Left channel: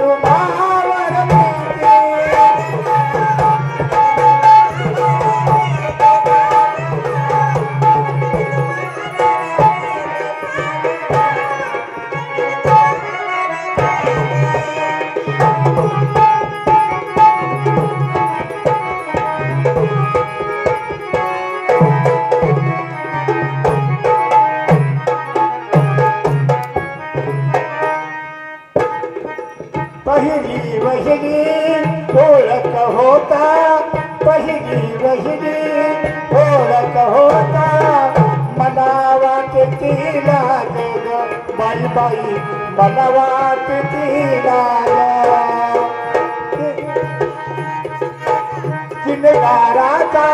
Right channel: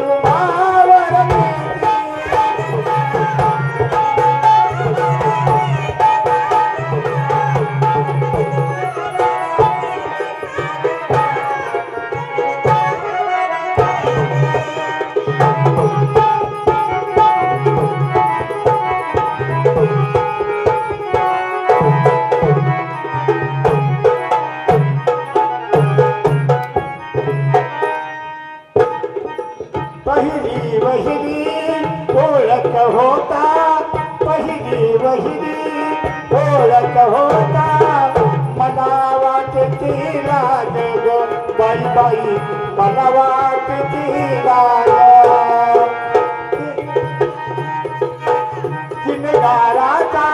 तुम्हावर पहिली वहिनी ओळख होता पहिली वहिनी ओळख होता मला वाटती लाज बाई बाई मला वाटती लाज किनगाराचा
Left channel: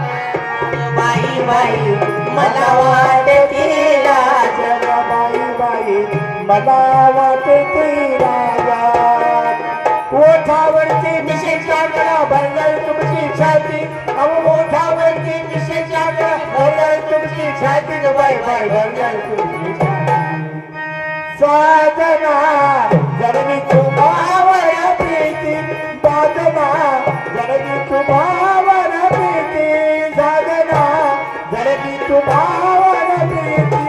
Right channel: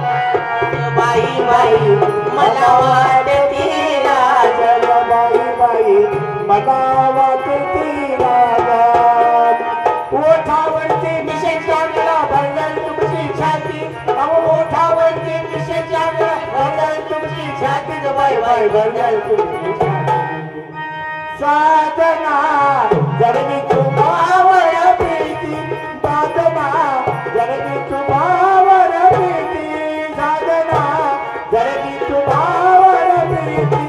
बाई बाई मला वाटते लाज बाई बाई मला वाटती लाज ओठावरती मिशेच्या गळा भरलाय तुमची छाती अहो ओठावरती मिशेच्या गळा भरलाय तुमची छाती बाई बाई भरलाय तुमची छाती साधना जरणी तुम्हावर प्रीती साधना जरणी तुम्हावर प्रीती साधना जरणी तुम्हावर प्रीती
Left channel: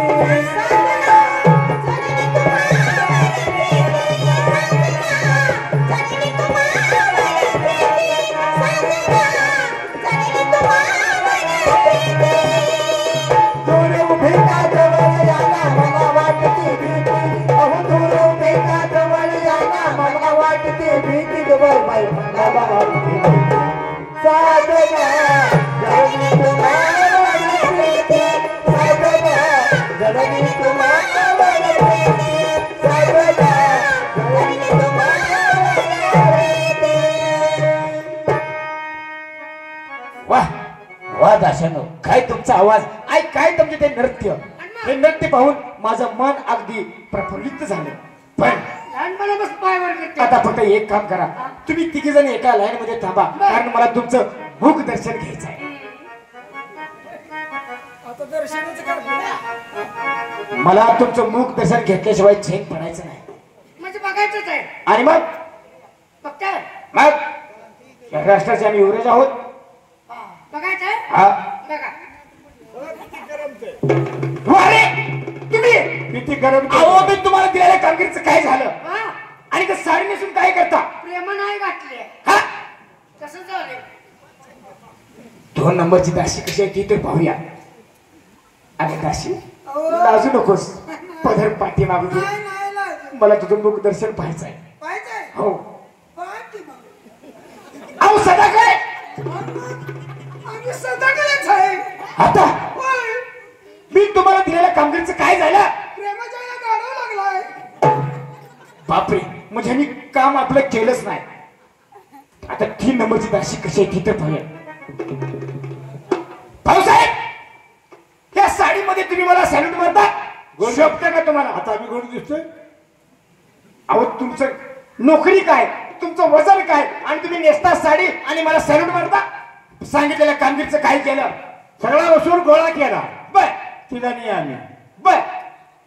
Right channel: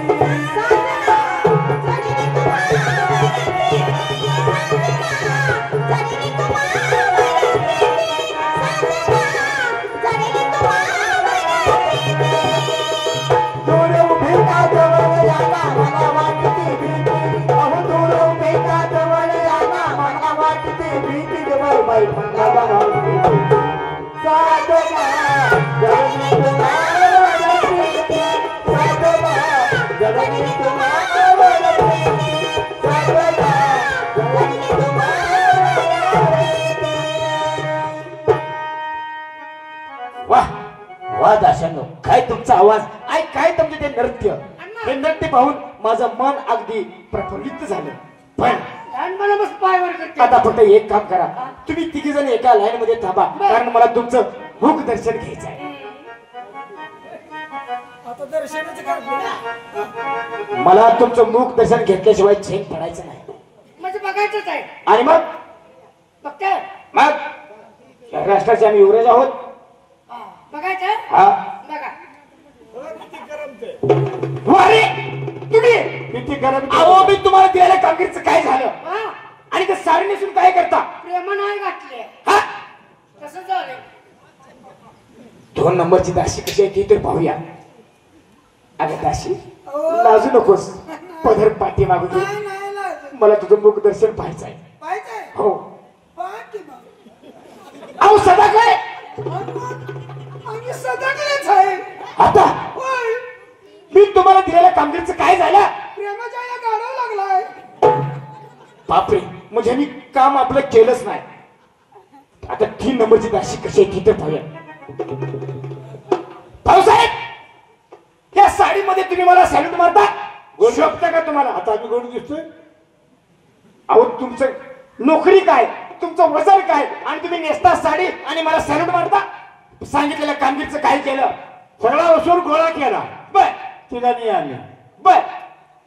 दूर उभे का जवळ याना मला वाटते भीती अहो दूर उभे का जवळ याना मला वाटते भीती बाई बाई मला वाटते साधना जरणी तुम्हावर प्रीती साधना जरणी तुम्हावर प्रीती साधना जरणी तुम्हावर प्रीती वाह वाह दाशानो काय तुमचा आवाज ऐक काय तुमचे ते नृत्य हे नृत्य पाहून माझं मन अगदी प्रफुल्लित झालं पण मला बस पायवर करते आता फक्त एक काम करा तुम्ही तिघे जण एका लाईन मध्ये थांबा कारण मला तुमचं मुख दर्शन घ्यायचं आहे आता दर्शनाचं करतो मला तुमचं मुख दर्शन घेतल्याशिवाय चैन पडायचं नाही म्हणजे बघायचंच आहे आणि मग बघताय मग या राष्ट्राचे आम्ही युवराज आहोत बघायचंय हा बघा अरे तुम्ही किती गरम अहो मी तुम्हाला दिलेल्या कामगिरीचं काय झालं वा, आणि ते साडी नेसून काय करता प्रेम नाही घातली हा कसं झालंय 2 नंबरची दाशी कशी आहे ती तर पाहूया अरे दाशी लाजू नकोस पदर पाठी मागू नाही नाही लाज. मला तुझं मुख दर्शन पाहायचं आहे पाहिजे हो पाहते मग अहो सदा काय आम्ही सदाकडेच आहे आता होय, मी तुम्हाला दिलेल्या कामगिरीचं काय झालं प्रेमाच्या या गाडा लागलाय बापरे म्हणजे मी काम आपलं केलंच नाही आता 3 नंबरची दाशी कशी आहे ती तर पाहूया भाऊसाहेब या साडीमध्ये तुम्ही मला सॅल्यूट मारता शोभता का तुम्हाला आता आम्ही गोड दिसतोय अहो तुमचं नोकरी काय तुमचं वजन काय आणि तुम्ही नेसता साडी आणि मला सॅल्यूट मारता सांगितलेल्या कामगिरीचं काय केलं सगळा वसूल गोळा केला बर तिला नाही आम्ही बर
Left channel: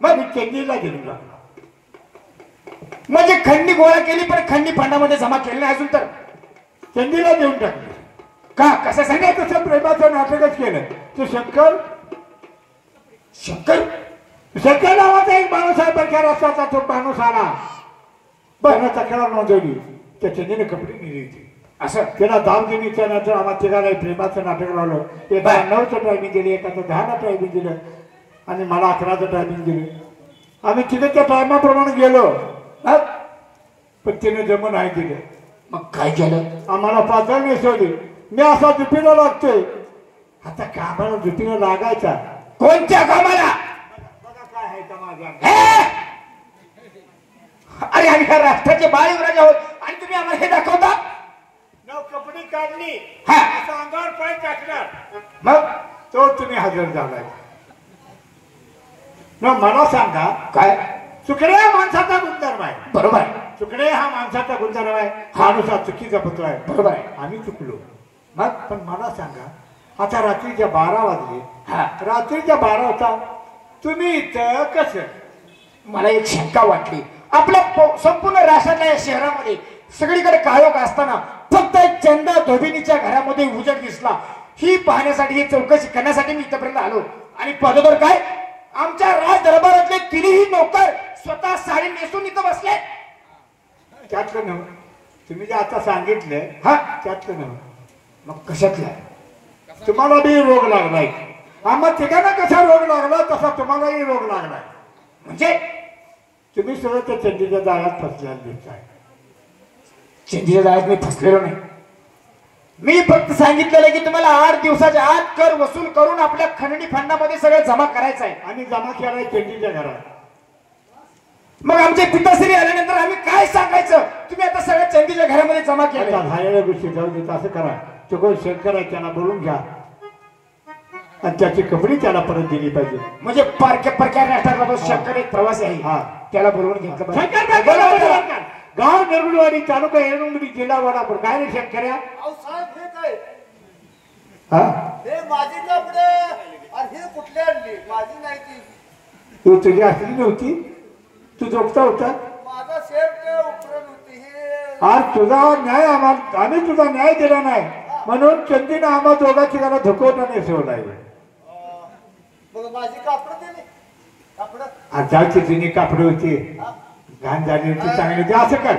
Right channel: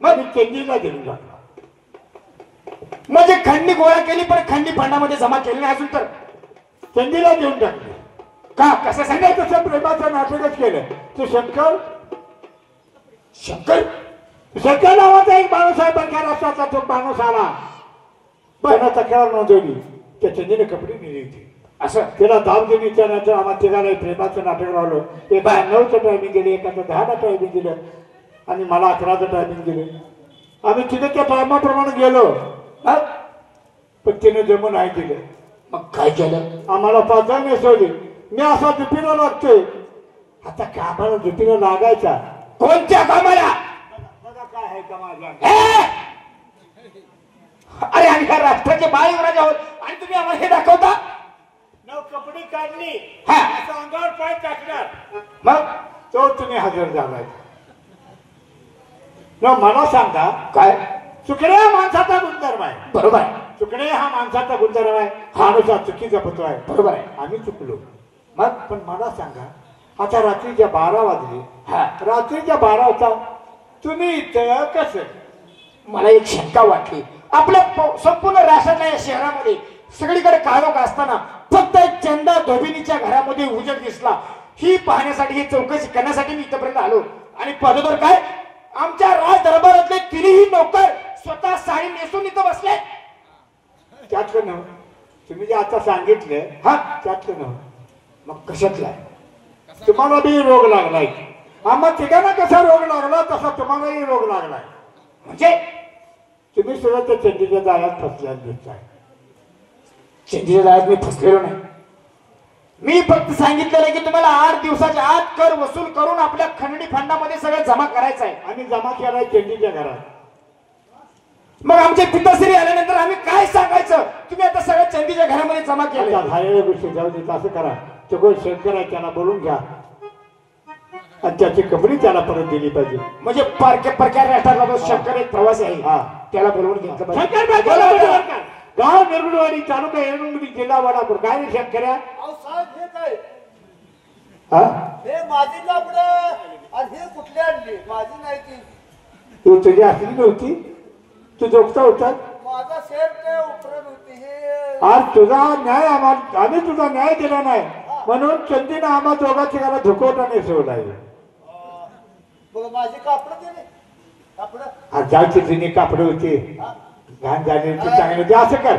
मग मी चेंडीला गेलो म्हणजे खंडी गोळा केली पण खंडी फंडामध्ये जमा केली नाही अजून तर चेंडीला देऊन टाकलं का कसं सगळ्या सांगायचं तसं प्रेमाचं नाटकच केलं तू शंकर शंकर शंकर नावाचा एक माणूस आहे बरख्या राष्ट्राचा तो माणूस आला बरं तक्रार नोंदवली त्या चेंडीने कपडे नेली होती असं त्याला दाब दिली त्यानंतर आम्हाला तिघाला प्रेमाचं नाटक लावलं एका 9चं टायमिंग दिलं एकाचं 10चं टायमिंग दिलं आणि मला 11चं टायमिंग दिलं आम्ही तिथे त्या टायमाप्रमाणे गेलो हा? पण तिने जमून नाही दिलं मग काय केलं आम्हाला पातळ नेसवली मी असा दुपीला लागतोय आता कामाला दुपीला लागायचा कोणत्या कामाला बघा काय आहे का माझा हे? अरे आम्ही ह्या राष्ट्राचे बाळ युवराज आहोत आणि तुम्ही आम्हाला हे दाखवता नव कपडे काढली हा. असं अंगावर पाय टाकणार मग तो तुम्ही हजर झालाय न मला सांगा काय चुकणे हा माणसाचा गुणधर्म आहे बरोबर आहे चुकणे हा माणसाचा गुणधर्म आहे हा नुसार चुकीचा पुत्र आहे बरोबर आहे आम्ही चुकलो मग पण मला सांगा आता रात्रीच्या 12 वाजले. हा रात्रीच्या 12 वाजता तुम्ही इथं कसं? मला एक शंका वाटली. आपल्या संपूर्ण राष्ट्रातल्या या शहरामध्ये सगळीकडे काळोख असताना फक्त एक चंदा धोबिनीच्या घरामध्ये उजेड दिसला. ही पाहण्यासाठी, ही चौकशी करण्यासाठी मी इथपर्यंत आलो. आणि पदोदर काय, आमच्या राज दरबारातले तिन्ही नौकर स्वतः साडी नेसून इथं बसले. त्यातलं नव्ह, तुम्ही जे आता सांगितलं हा त्यातलं नव्ह. मग कशातला? तुम्हाला बी रोग लागलाय. आम्हा तिघांना कसा रोग लागला तसा तुम्हालाही रोग लागलाय. म्हणजे तुम्ही सुद्धा त्या चंदीच्या जाळ्यात फसल्या दिसताय. चंदीच्या जाळ्यात मी फसलेलो नाही. मी फक्त सांगितलेलं की तुम्हाला 8 दिवसाच्या आत कर वसूल करून आपल्या खंडणी फंडामध्ये सगळं जमा करायचं आहे. आणि जमा केलाय चंदीच्या घरात. मग आमचे पिताश्री आल्यानंतर आम्ही काय सांगायचं? तुम्ही आता सगळ्या चंदीच्या घरामध्ये जमा आता केलं. झालेल्या गोष्टी जाऊ देत असं करा, तो कोण शेतकरी आहे त्याला बोलून घ्या आणि त्याची कपडी त्याला परत दिली पाहिजे. म्हणजे परक्या राष्ट्राला जो शंकर एक प्रवासी आहे हा. त्याला बोलवून घेतलं पाहिजे. गाव निर्गुणवाडी तालुका येरवडी जिल्हा वडापूर. काय रे शेतकऱ्या? अहो साहेब हे काय? हा हे माझी कापड आणि हे कुठली आणली? माझी नाही ती. तू तुझी असली नव्हती, तू जोगता होता. माझा शर्ट उपरण होती हे. आज तुझा न्याय आम्ही तुझा न्याय दिला नाही म्हणून चंदीनं आम्हा दोघांची घरा धुकवटा नेसवलाय. बघ माझी कापड दिली. कापड आजची जुनी कापड होती, घाण झाली ती चांगली होती. असं कर,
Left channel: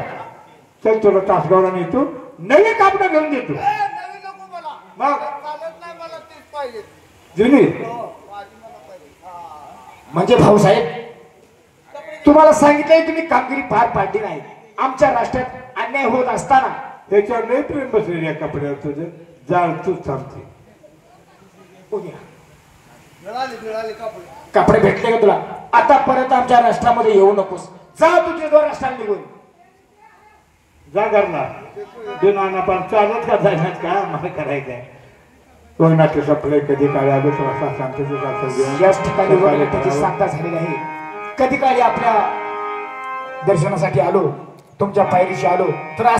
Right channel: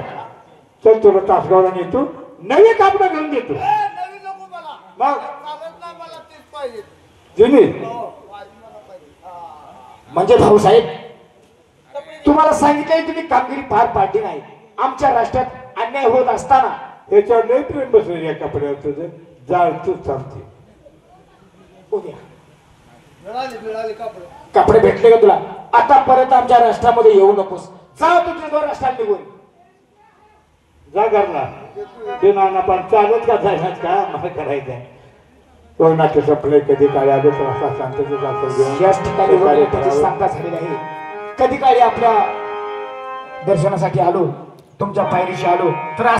चल तुला तासगावला नेतो, नवी कापड घेऊन देतो. नवी नको मला. मग? चालत नाही, मला तीच पाहिजे. जुनी हो माझी मला पाहिजे. म्हणजे भाऊसाहेब, तुम्हाला सांगितलंय तुम्ही कामगिरी पार पाडली नाही. आमच्या राष्ट्रात अन्याय होत असताना त्याच्यावर लय प्रेम बसलेलं या कपड्यावर तुझं. जाळ तूच चालते. उद्या मिळाली कापड. कपडे भेटले का तुला? आता परत आमच्या राष्ट्रामध्ये येऊ नकोस. जा तुझे दोन राष्ट्रात निघून. जा घरला. दिनाना पण चालत का जायनात का मला करायचंय. कोणाचे सपले कधी काळी आले तर असा शांततेचा याच ठिकाणी वडिलांची सांगता झालेली आहे. कधी काळी आपल्या दर्शनासाठी आलो, तुमच्या पायरीशी आलो तर